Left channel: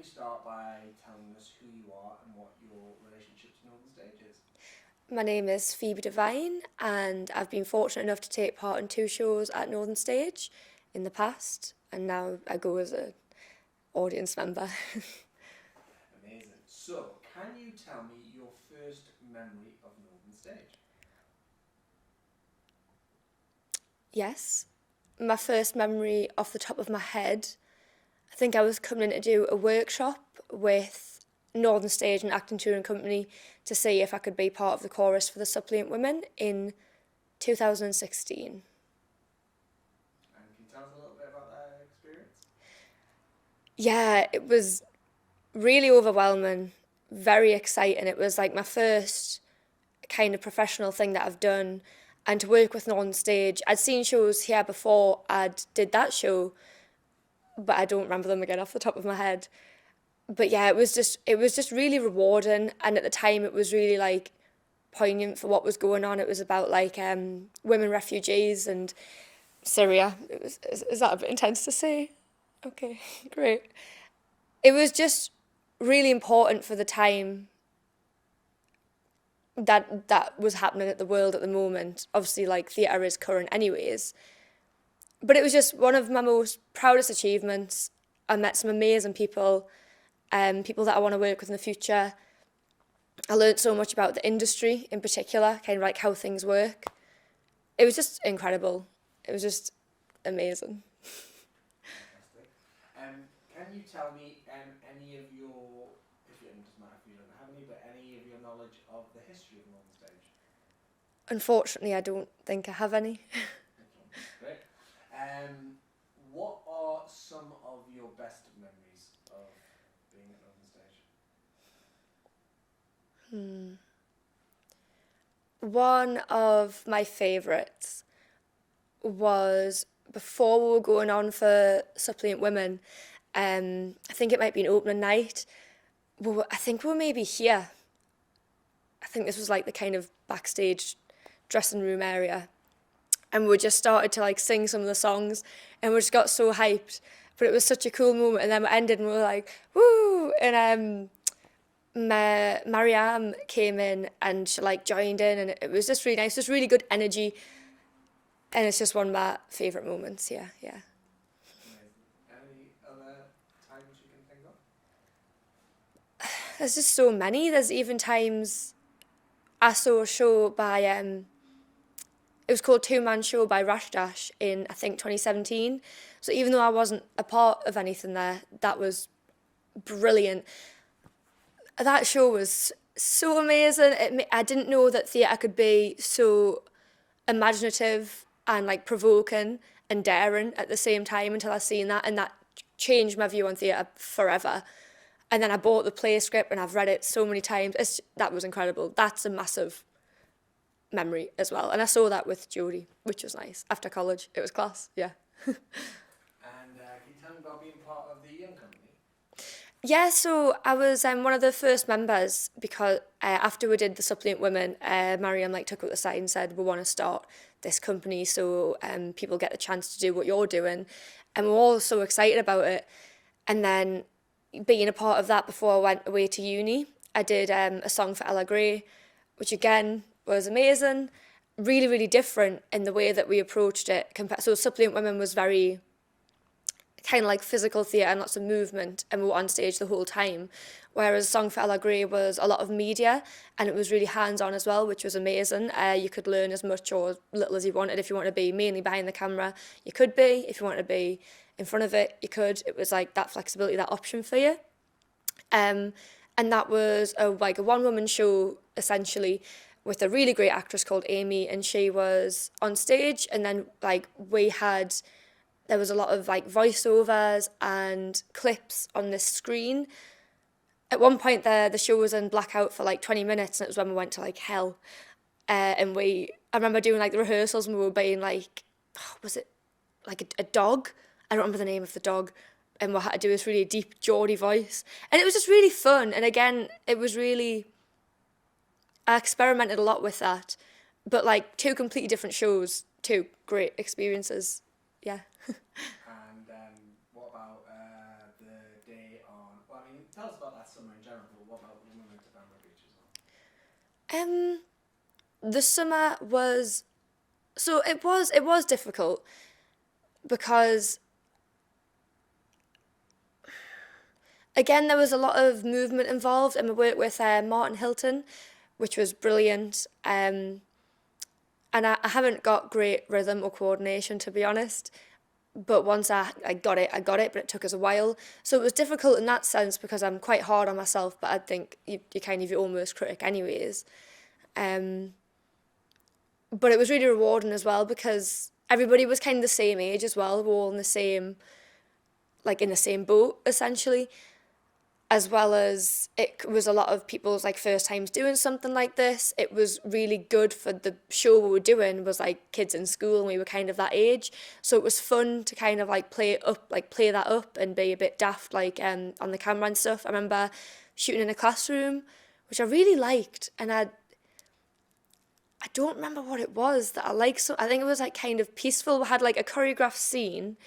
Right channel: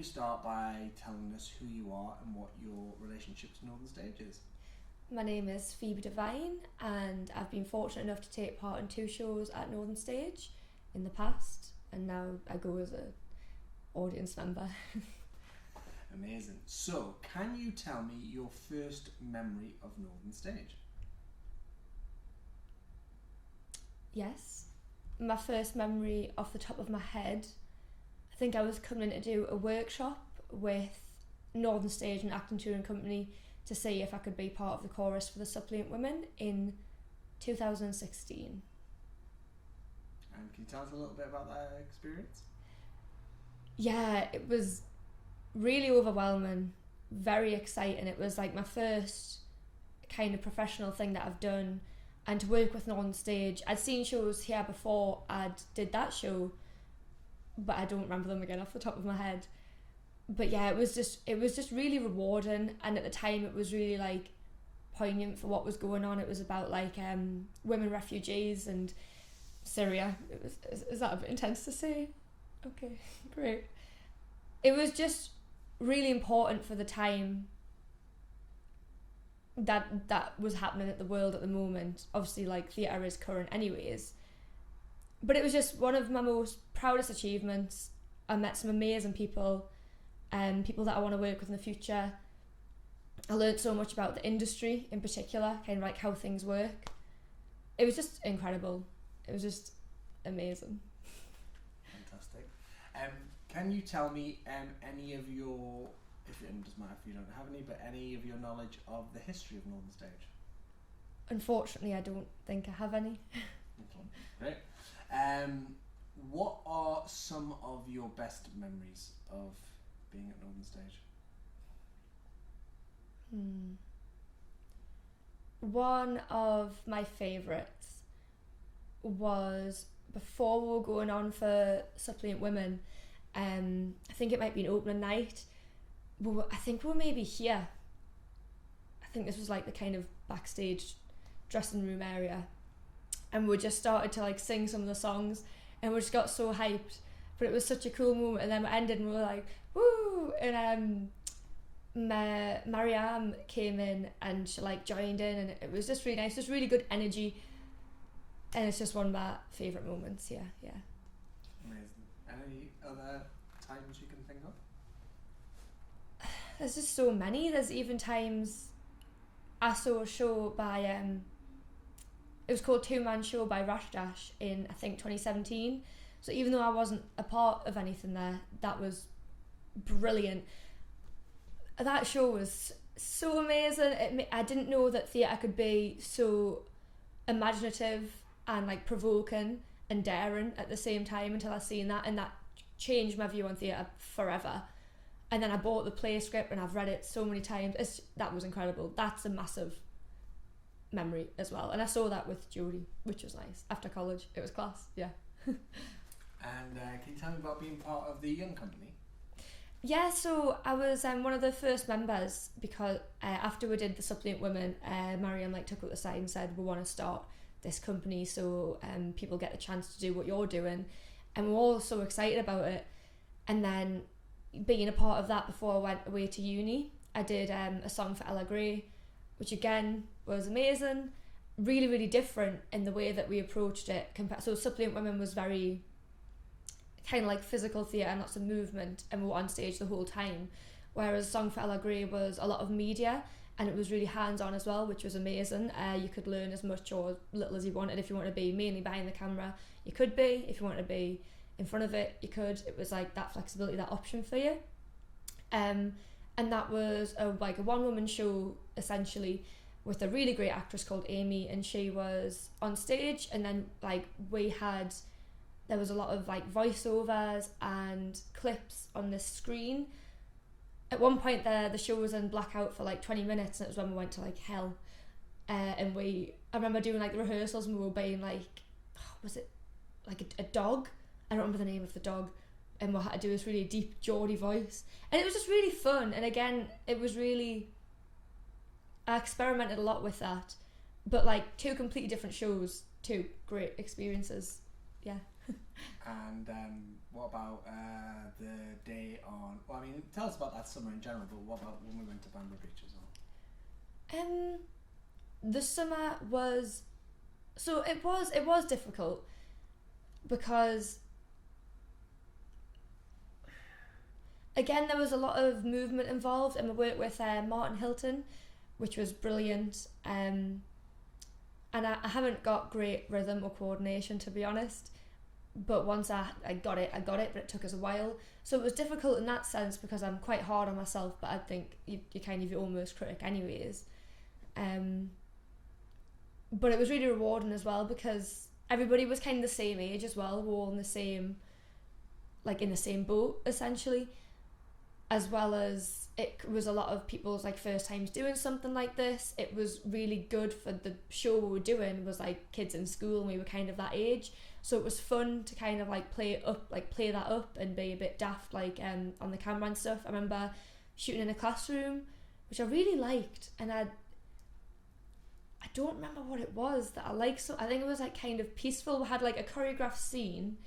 you start by telling us who you are and what your relationship to Northern Stage is? My name is Phoebe Devine, and I've been fortunate enough to take part in 2 shows at Northern Stage in the past, and now I go as an audience member. Amazing. So, can you tell me your first memory of Northern Stage? Yes, my first memory off the top of my head, I think I was coming in to do a workshop with Northern Stage and Acting Touring Company to see if I could be part of the chorus for the Suppliant Women in 2016. And can you tell us a little bit about that experience? Yeah, it was really overwhelming, very exciting. It was like my first kind of professional thing that I've done, and to work with Northern Stage. I'd seen shows here before I'd did that show, but I don't remember them again off the top of my head. But yeah, it was just really rewarding, and at the time it was really like poignant for what was going on. It was about like women refugees and Syria. Is that a bit intense to say? Okay, great. It was just really important for the time that was happening at the world at the moment. Obviously, like theatre is current anyways, but it was just one of my most proudest achievements. I met some amazing people, people that I want to work with in the future. I learned so much about the industry in particular, kind of like how things work. It was just incredible. It was just amazing. Fantastic. Can you tell me any of your, if it doesn't matter if you don't have any, but any of your knowledge of the history of Northern Stage? Unfortunately, I don't think I have any. Okay, great. What are some of your best memories of being at Northern Stage? One of my favourites was before we were going on for Suppliant Women. I think it might be an opening night. I think we were maybe here. I think this was like the kind of backstage dressing room area. And we just started to like sing some of the songs, and we just got so hyped. But it was such a cool moment, and then we ended and we were like, woo! And Mariam came in and she like joined in, and it was just really nice, just really good energy. And it's just one of my favourite moments, yeah. Amazing. Any other times you can think of? There's just so many. There's even times I saw a show by it was called Two Man Show by Rash Dash in I think 2017. So even though I wasn't a part of anything there, that was brilliant. That show was so amazing. I didn't know that theatre could be so imaginative and like provoking and daring at the same time until I seen that, and that changed my view on theatre forever. And then I bought the play script and I've read it so many times. That was incredible. That's a massive memory as well. And I saw that with Jodie, which was nice. After college, it was class, yeah. And can you tell me about being part of the Young Company? Yeah, so I was one of the first members because after we did the Suppliant Women, Mariam like took up the side and said, we want to start this company so people get the chance to do what you're doing. And we're all so excited about it. And then being a part of that before I went away to uni, I did a song for Ella Gray, which again was amazing, really, really different in the way that we approached it. So Suppliant Women was very kind of like physical theatre and lots of movement, and we were on stage the whole time. Whereas Song for Ella Gray was a lot of media, and it was really hands-on as well, which was amazing. You could learn as much or as little as you wanted. If you wanted to be mainly behind the camera, you could be. If you wanted to be in front of it, you could. It was like that flexibility, that option for you. And that was a one-woman show, essentially, with a really great actress called Amy, and she was on stage, and then like there was a lot of like voiceovers and clips on this screen. At one point the show was in blackout for like 20 minutes, and it was when we went to like hell. And I remember doing like the rehearsals, and we were being like, was it like a dog? I don't remember the name of the dog. And we had to do this really deep Geordie voice. And it was just really fun. And again, I experimented a lot with that. But like 2 completely different shows, 2 great experiences. Yeah. And what about the day on? Well, I mean, tell us about that summer in general, but what about when we went to Bamborough Beach as well? The summer was, so it was difficult because again there was a lot of movement involved, and we worked with Martin Hilton, which was brilliant. And I haven't got great rhythm or coordination, to be honest. But once I got it, but it took us a while. So it was difficult in that sense because I'm quite hard on myself, but I think you're kind of your own worst critic anyways. But it was really rewarding as well because everybody was kind of the same age as well. We were all in the same boat, essentially. As well as it was a lot of people's like first times doing something like this. It was really good for the show we were doing was like kids in school, and we were kind of that age. So it was fun to kind of like play that up and be a bit daft on the camera and stuff. I remember shooting in a classroom, which I really liked, and I don't remember what it was that I liked. So I think it was like kind of peaceful. We had like a choreographed scene,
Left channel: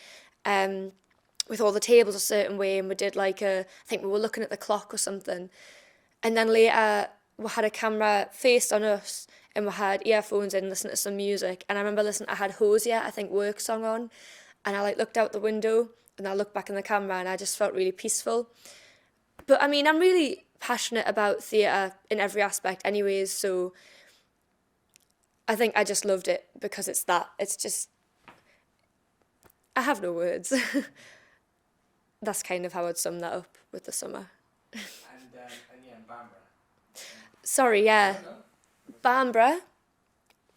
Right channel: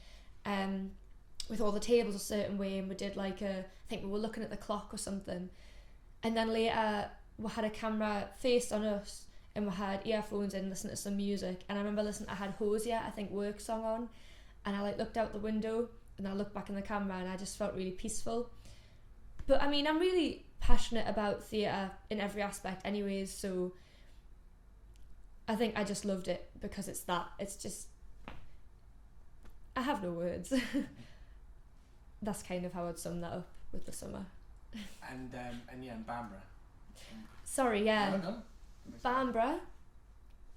with all the tables a certain way, and we did I think we were looking at the clock or something, and then later we had a camera faced on us and we had earphones in listening to some music, and I remember I had Hosier, I think, work song on, and I looked out the window and I looked back in the camera and I just felt really peaceful. But I mean, I'm really passionate about theatre in every aspect anyways, so I think I just loved it because it's just, I have no words. That's kind of how I'd sum that up with the summer. And Bamborough. Sorry, yeah. No. Bamborough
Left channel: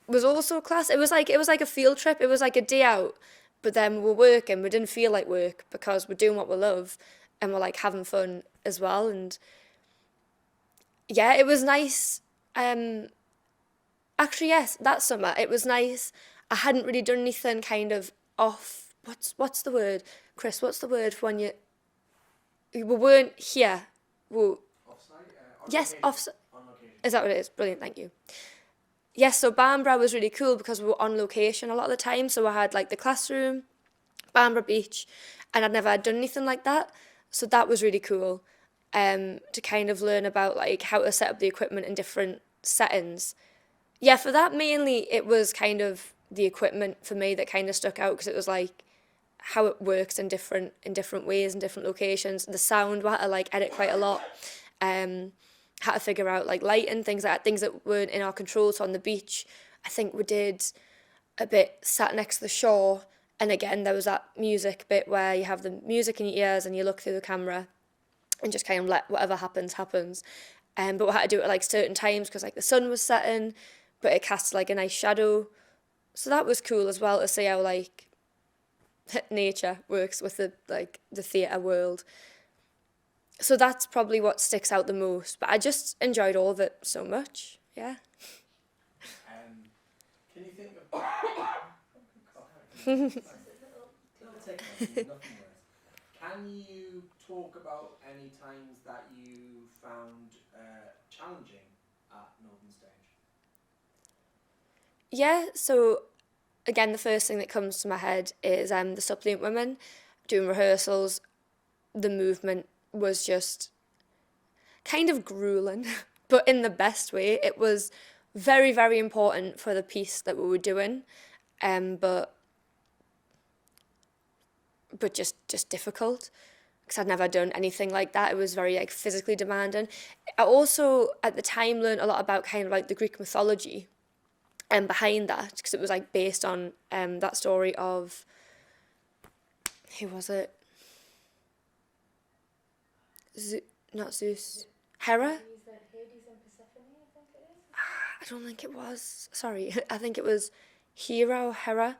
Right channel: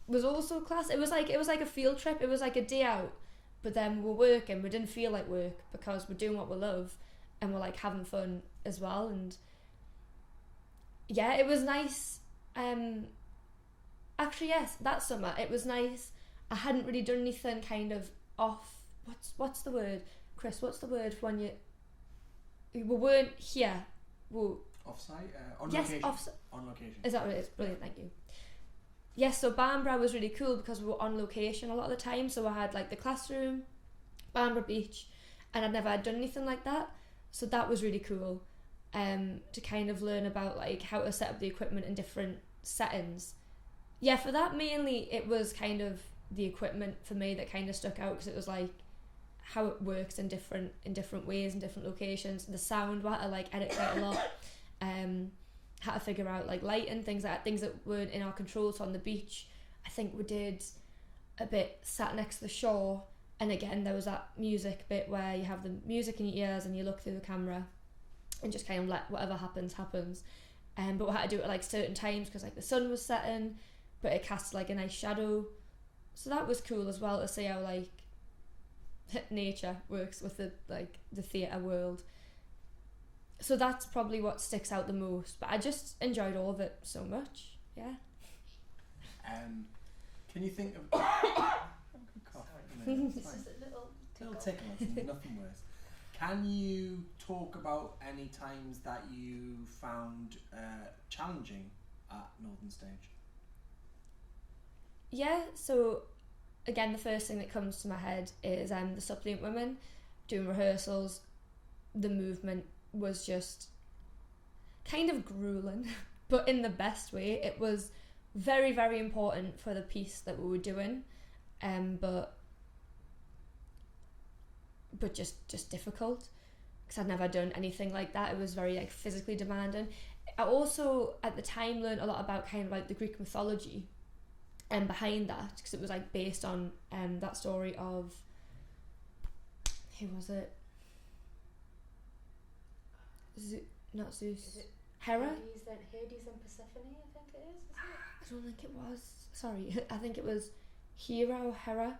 was also class. It was like a field trip. It was like a day out, but then we were working. We didn't feel like work because we're doing what we love, and we're like having fun as well. And yeah, it was nice. Actually, yes, that summer it was nice. I hadn't really done anything kind of off. What's the word? Chris, what's the word for when we weren't here? Off-site? Yes, location. On location. Is that what it is? Brilliant, thank you. Yes, so Bamborough was really cool because we were on location a lot of the time. So I had like the classroom, Bamborough Beach, and I'd never done anything like that. So that was really cool to kind of learn about like how to set up the equipment in different settings. Yeah, for that mainly it was kind of the equipment for me that kind of stuck out because it was like how it works in different ways in different locations. The sound, we had to like edit quite a lot. Had to figure out like light and things that weren't in our control. So on the beach, I think we did a bit sat next to the shore, and again there was that music bit where you have the music in your ears and you look through the camera and just kind of let whatever happens. But we had to do it at like certain times because like the sun was setting, but it cast like a nice shadow. So that was cool as well to see how like nature works with the theatre world. So that's probably what sticks out the most, but I just enjoyed all of it so much. Yeah. Can you think of little tickle, nothing worse. Can you talk about any times that you found challenging at Northern Stage? Yeah, so again, the first thing that comes to my head is the suppliant women doing rehearsals. The movement was just kind of grueling, but in the best way. It was very, very important for the piece that we were doing, but just difficult because I'd never done anything like that. It was very like physically demanding. I also at the time learned a lot about kind of like the Greek mythology and behind that, because it was like based on that story of, who was it? Not Zeus. Hera? Hades and Persephone, I think it is. I don't think it was. Sorry, I think it was Hera or Hera.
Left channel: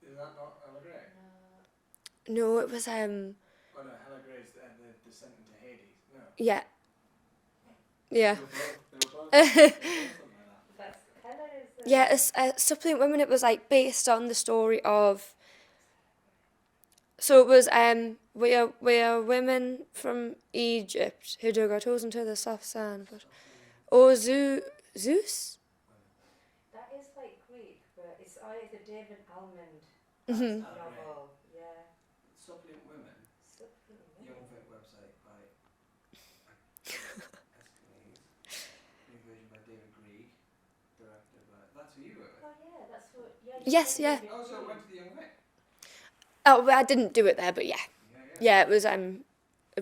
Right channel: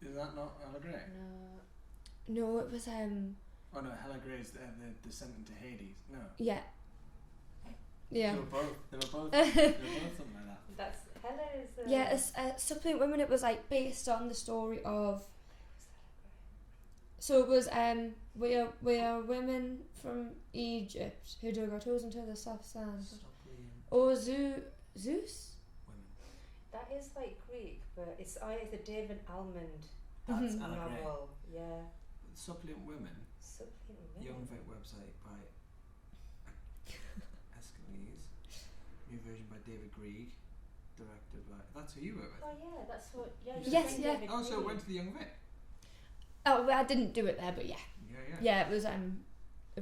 Is that not Hela Grey? No, it was Oh no, Hela Grey is the descent into Hades. No. Yeah. Yeah. They were both something like that. That's Hela is. Yeah, Suppliant Women. It was like based on the story of. So it was we are women from Egypt who dug our toes into the soft sand. Or Zeus. That is like Greek, but it's either David Almond That's Mhm. Hela Grey. novel. Yeah. Suppliant Women. Suppliant Women. Young Vet website by David Grieg directed. Like, that's who you were with. Oh yeah, that's what. Yeah. Yes, yeah. Oh, so it went to the Young Vic. Oh, well, I didn't do it there, but yeah. Yeah. Yeah, it was a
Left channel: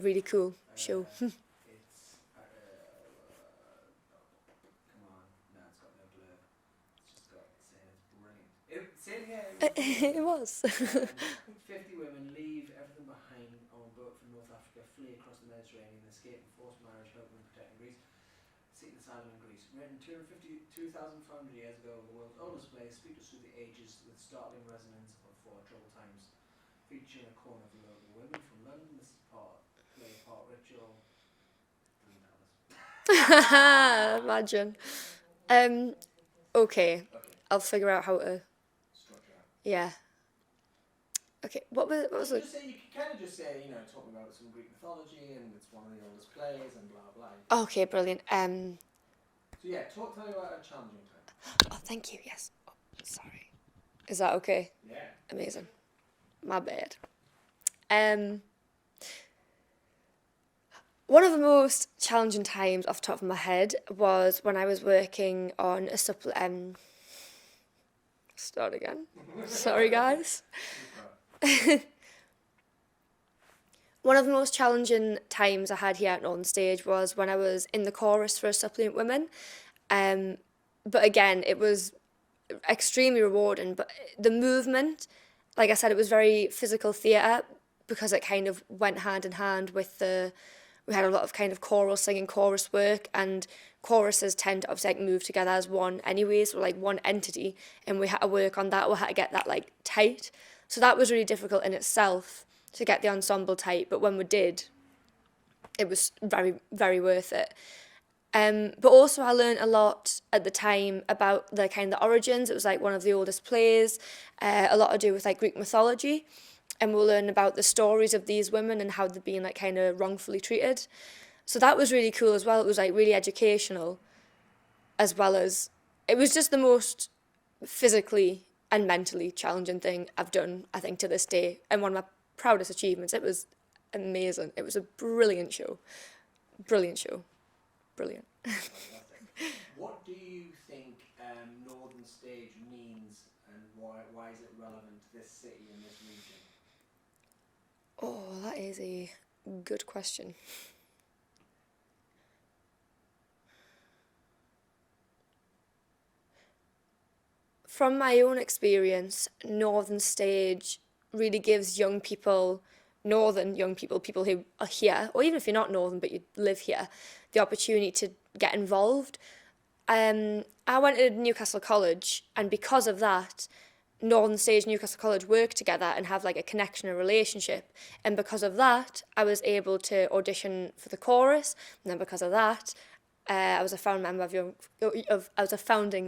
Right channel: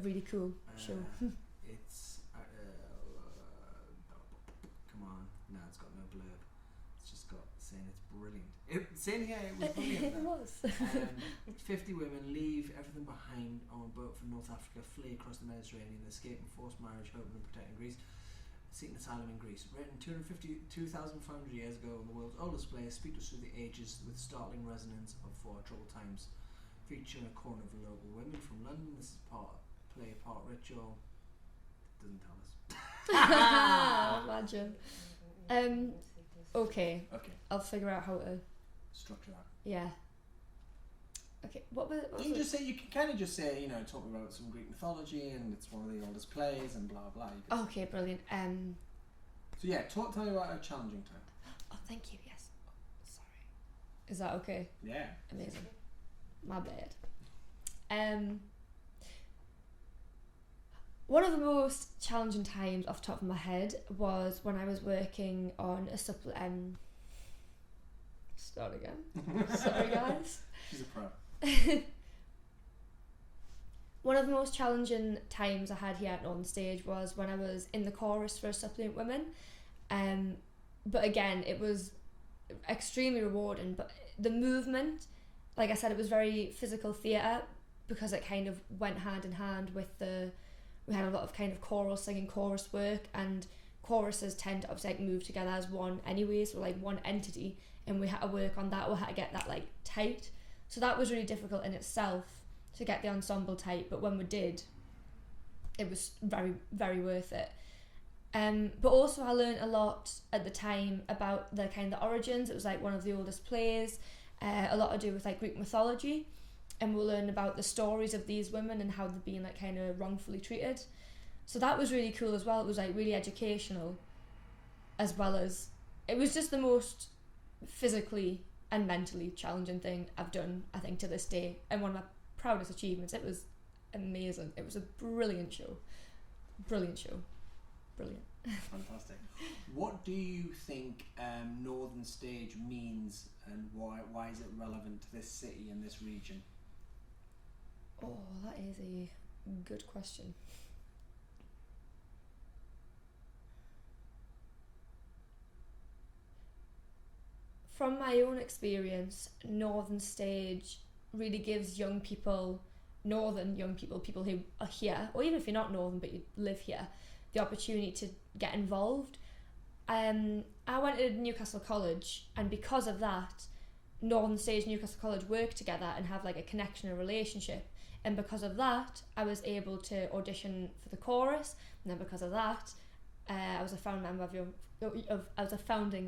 really cool show. It's come on, no, it's got no blurb. It's just got saying it's brilliant. Saying here it was brilliant. It was. 50 women leave everything behind on a boat from North Africa, flee across the Mediterranean, escape and forced marriage, hoping and protecting Greece, seeking asylum in Greece. Written 2,500 years ago in the world's oldest play, speak to us through the ages with startling resonance of for troubled times. Featuring a corner of the local women from London. This is part ritual. Doesn't tell us. Imagine. Okay. I'll figure out how to. Structure that. Yeah. Okay. What was it? You can kind of just say, talk about some Greek mythology and it's one of the oldest plays and blah blah. Okay, brilliant. So yeah, tell me about a challenging time. Oh, thank you. Yes. Oh, sorry. Is that okay? Yeah. Amazing. My bad. One of the most challenging times off the top of my head was when I was working on a start again. Sorry, guys. One of the most challenging times I had here at Northern Stage was when I was in the chorus for a Suppliant Women. But again, it was extremely rewarding. But the movement, like I said, it was very physical theatre because it kind of went hand in hand with we had a lot of kind of choral singing, chorus work, and choruses tend to obviously like move together as one anyways, so like one entity, and we had to work on that, we had to get that like tight. So that was really difficult in itself to get the ensemble tight, but when we did, it was very, very worth it. But also I learned a lot at the time about the kind of the origins. It was like one of the oldest plays, a lot to do with like Greek mythology, and we'll learn about the stories of these women and how they've been like kind of wrongfully treated. So that was really cool as well. It was like really educational, as well as it was just the most physically and mentally challenging thing I've done, I think, to this day, and one of my proudest achievements. It was amazing. It was a brilliant show. Brilliant. Fantastic. What do you think Northern Stage means, and why is it relevant to this city and this region? Oh, that is a good question. From my own experience, Northern Stage really gives young people, northern young people, people who are here, or even if you're not northern but you live here, the opportunity to get involved. I went to Newcastle College, and because of that, Northern Stage and Newcastle College work together and have like a connection, a relationship, and because of that I was able to audition for the chorus, and then because of that I was a founding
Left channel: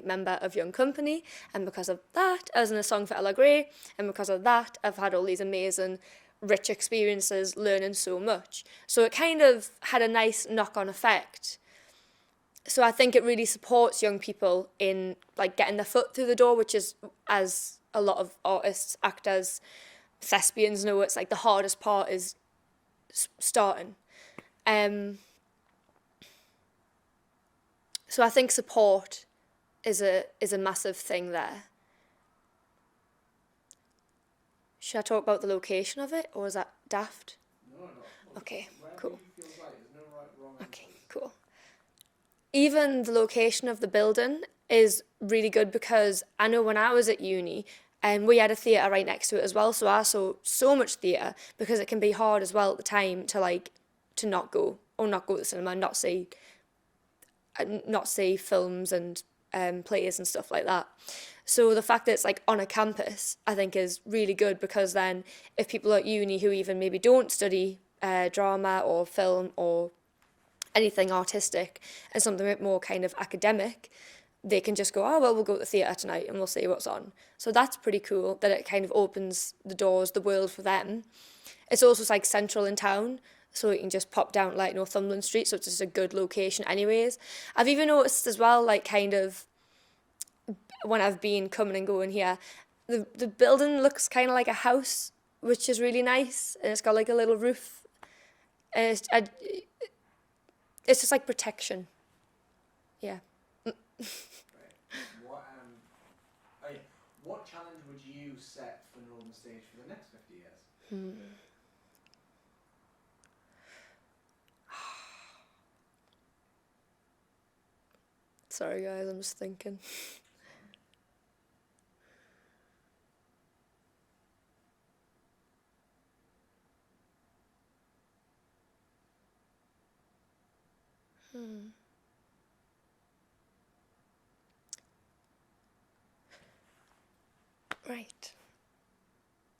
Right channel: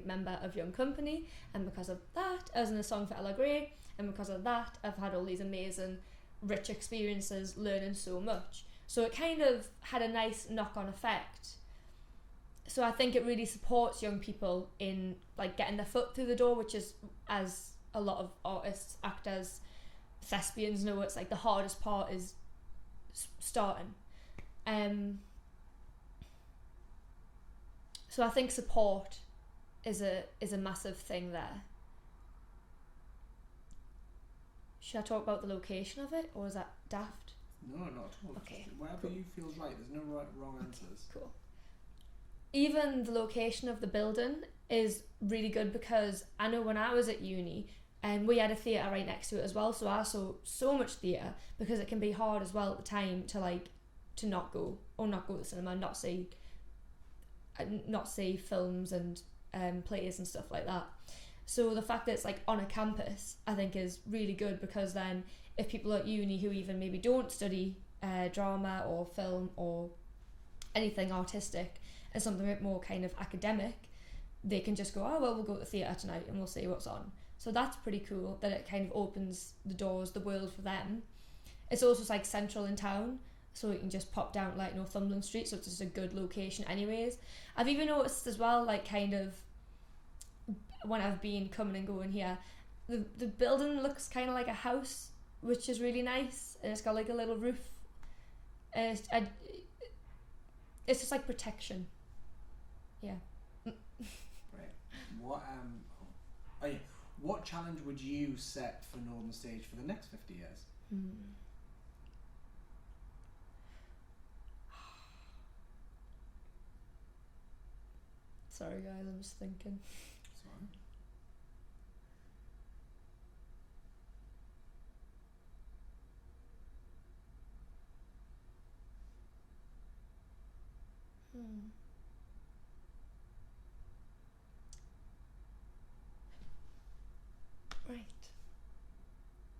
member of Young Company, and because of that I was in a song for Ella Gray, and because of that I've had all these amazing rich experiences learning so much. So it kind of had a nice knock-on effect. So I think it really supports young people in like getting their foot through the door, which is, as a lot of artists, actors, thespians know, it's like the hardest part is starting. So I think support is a massive thing there. Should I talk about the location of it, or is that daft? No, not at all. Okay, Whatever cool. you feel right. There's no right, wrong answers. Okay, cool. Even the location of the building is really good, because I know when I was at uni, and we had a theatre right next to it as well, so I saw so much theatre, because it can be hard as well at the time to not go to the cinema and not see films and plays and stuff like that. So the fact that it's like on a campus, I think is really good, because then if people at uni who even maybe don't study drama or film or anything artistic and something a bit more kind of academic, they can just go, oh well, we'll go to the theatre tonight and we'll see what's on. So that's pretty cool that it kind of opens the doors, the world for them. It's also like central in town, so you can just pop down like Northumberland Street, so it's just a good location anyways. I've even noticed as well, like kind of when I've been coming and going here, the building looks kind of like a house, which is really nice, and it's got like a little roof, and it's just like protection. Yeah, Right. What challenge would you set for Northern Stage for the next 50 years? Sorry guys, I'm just thinking. Right.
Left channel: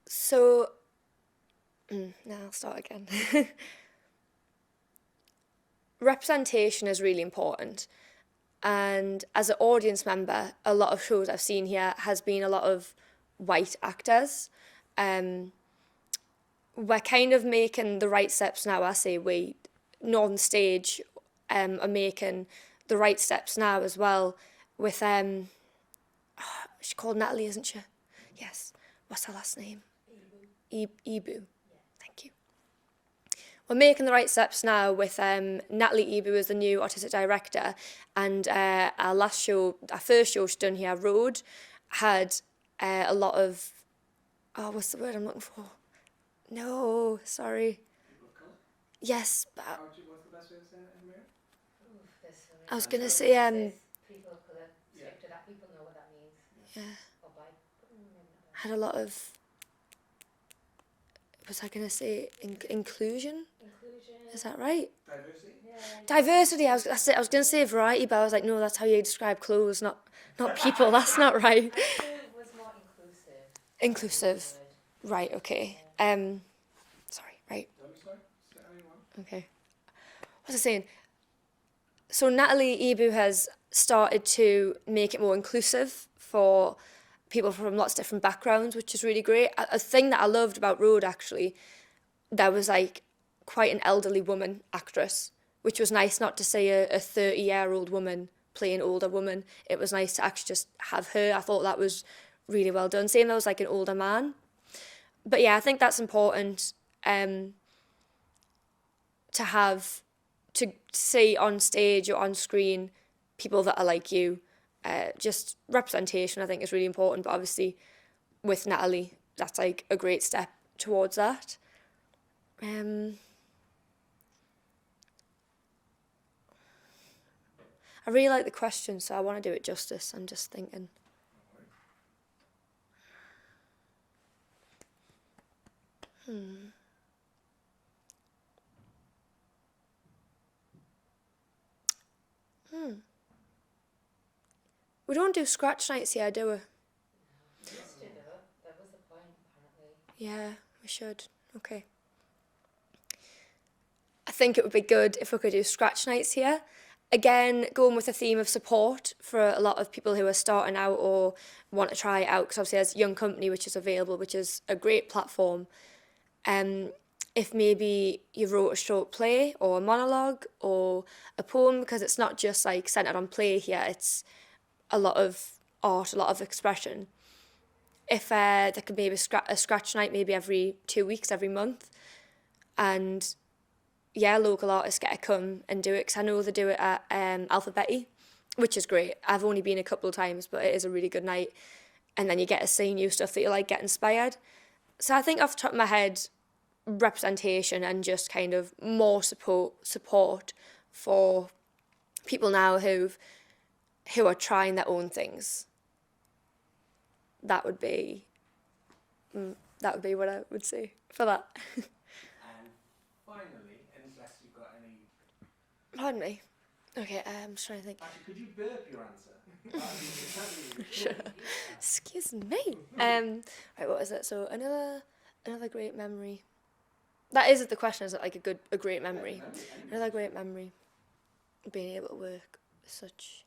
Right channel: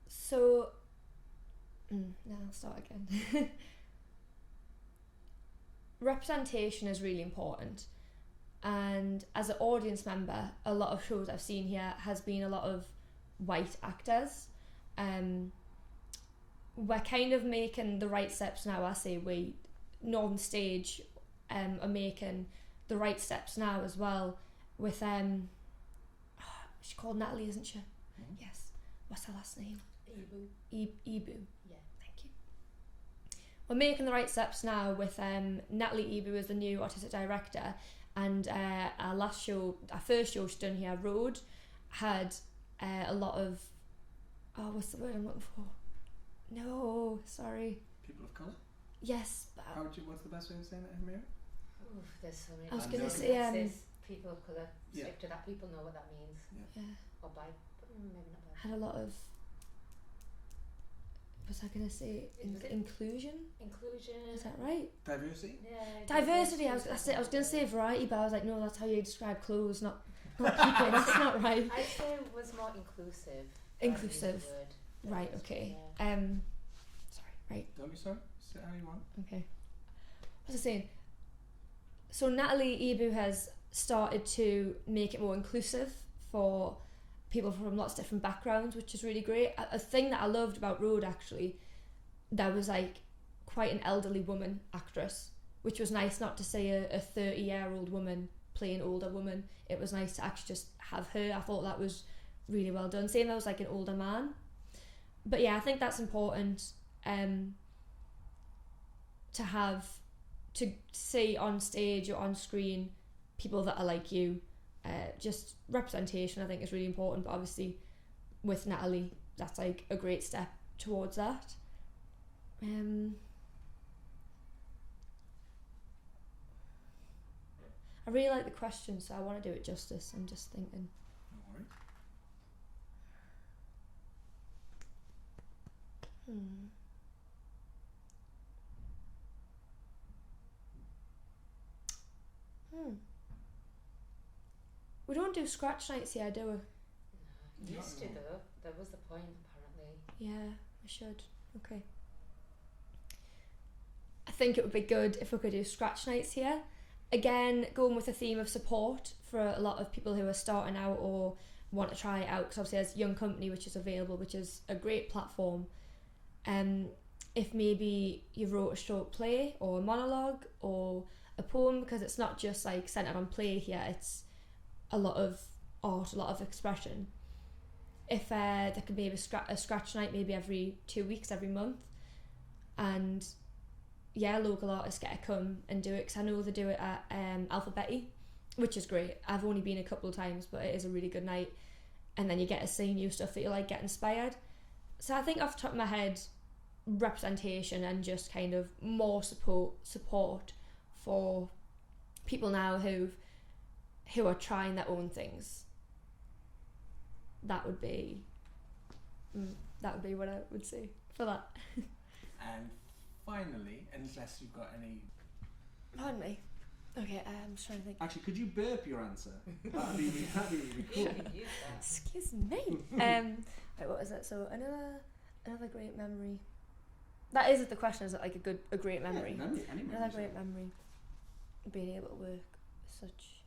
So, now I'll start again. Representation is really important. And as an audience member, a lot of shows I've seen here has been a lot of white actors. We're kind of making the right steps now. I say we, Northern Stage, are making the right steps now as well with she's called Natalie, isn't she? Yes. What's her last name? Ibu. Yeah. Thank you. We're making the right steps now with Natalie Ibu as the new artistic director, and our first show she's done here, Road, had a lot of what's the word I'm looking for? No, sorry. People of colour? Yes. What's the best way of saying it in Mary? There's so many. I was gonna It say says people of colour. Yeah. Stick to that. People know what that means. yeah, Or by, maybe not by. had a lot of. Was I gonna say inclusion? Inclusion. Is that right? Diversity? Yeah. Diversity. I was gonna say variety, but I was like, no, that's how you describe clothes, not people. That's not right. I feel it was more inclusive. Inclusive. That was the word. Right. Okay. Yeah. Sorry. Right. Don't be sorry. Say how you want. Okay. What was I saying? So Natalie Ibu has started to make it more inclusive for people from lots of different backgrounds, which is really great. A thing that I loved about Road, actually, there was like quite an elderly woman actress, which was nice, not to say a 30-year-old woman playing older woman. It was nice to actually just have her. I thought that was really well done. Same, there was like an older man. But yeah, I think that's important to have, to see on stage or on screen people that are like you. Just representation, I think, is really important. But obviously, with Natalie, that's like a great step towards that. I really like the question, so I want to do it justice. I'm just thinking. We don't do scratch nights here, do we? We used to though. That was the point, apparently. Yeah, we should. Okay. I think it would be good if we could do scratch nights here. Again, going with a theme of support for a lot of people who are starting out or want to try it out, because obviously there's Young Company, which is available, which is a great platform. If maybe you wrote a short play or a monologue or a poem, because it's not just like centered on play here, it's a lot of art, a lot of expression. If there could maybe a scratch night maybe every 2 weeks, every month, and yeah, local artists get to come and do it, because I know they do it at Alphabetti, which is great. I've only been a couple of times, but it is a really good night, and then you get to see new stuff that you like, get inspired. So I think off the top of my head, representation and just kind of more support for people now who are trying their own things. That would be what I would say for that. And finally, unless you've got any... Pardon me. Okay, I'm just trying to think. Actually, could you burp your answer? That'd be Sure. Excuse me. Right, what is it? So another great memory. That is the question. Is it like a great memory? Yeah, Another great memory. Being able to work with such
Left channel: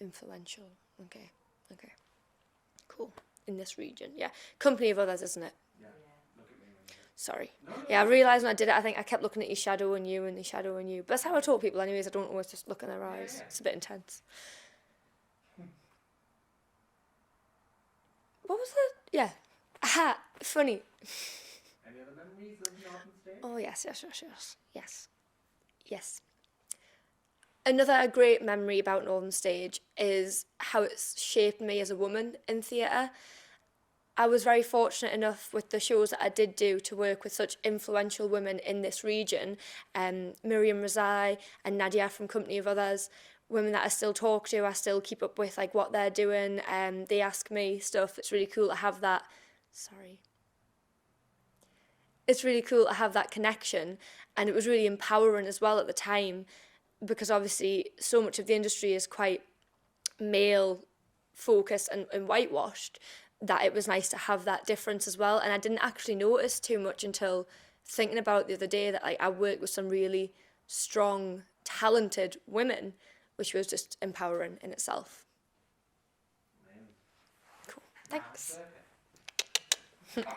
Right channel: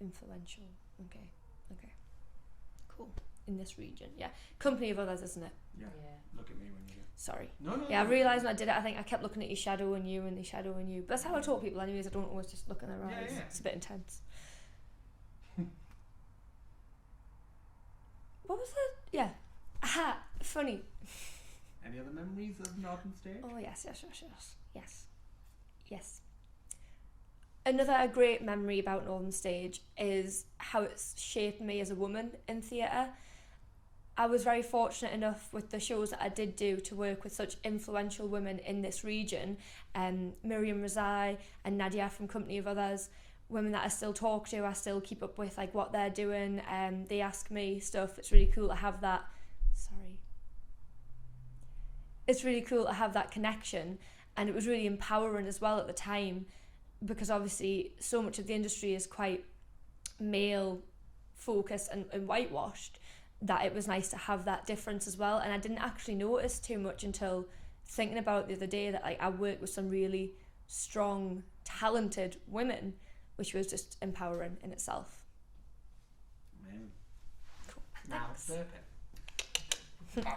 influential. Okay. Cool. In this region, yeah. Company of others, isn't it? Yeah. Look at me when you... Sorry. No. Yeah, I realised when I did it, I think I kept looking at your shadow and you and the shadow and you. But that's how I talk to people anyways. I don't always just look in their eyes. Yeah. It's a bit intense. What was it? Yeah. Aha, funny. Any other memories of Northern Stage? Oh, yes. Another great memory about Northern Stage is how it's shaped me as a woman in theatre. I was very fortunate enough with the shows that I did do to work with such influential women in this region, Miriam Razai and Nadia from Company of Others, women that I still talk to, I still keep up with like what they're doing, they ask me stuff. It's really cool to have that, it's really cool to have that connection, and it was really empowering as well at the time, because obviously so much of the industry is quite male focused and whitewashed, that it was nice to have that difference as well. And I didn't actually notice too much until thinking about it the other day, that like I worked with some really strong, talented women, which was just empowering in itself. Amazing. Cool. Now Thanks. it's circuit.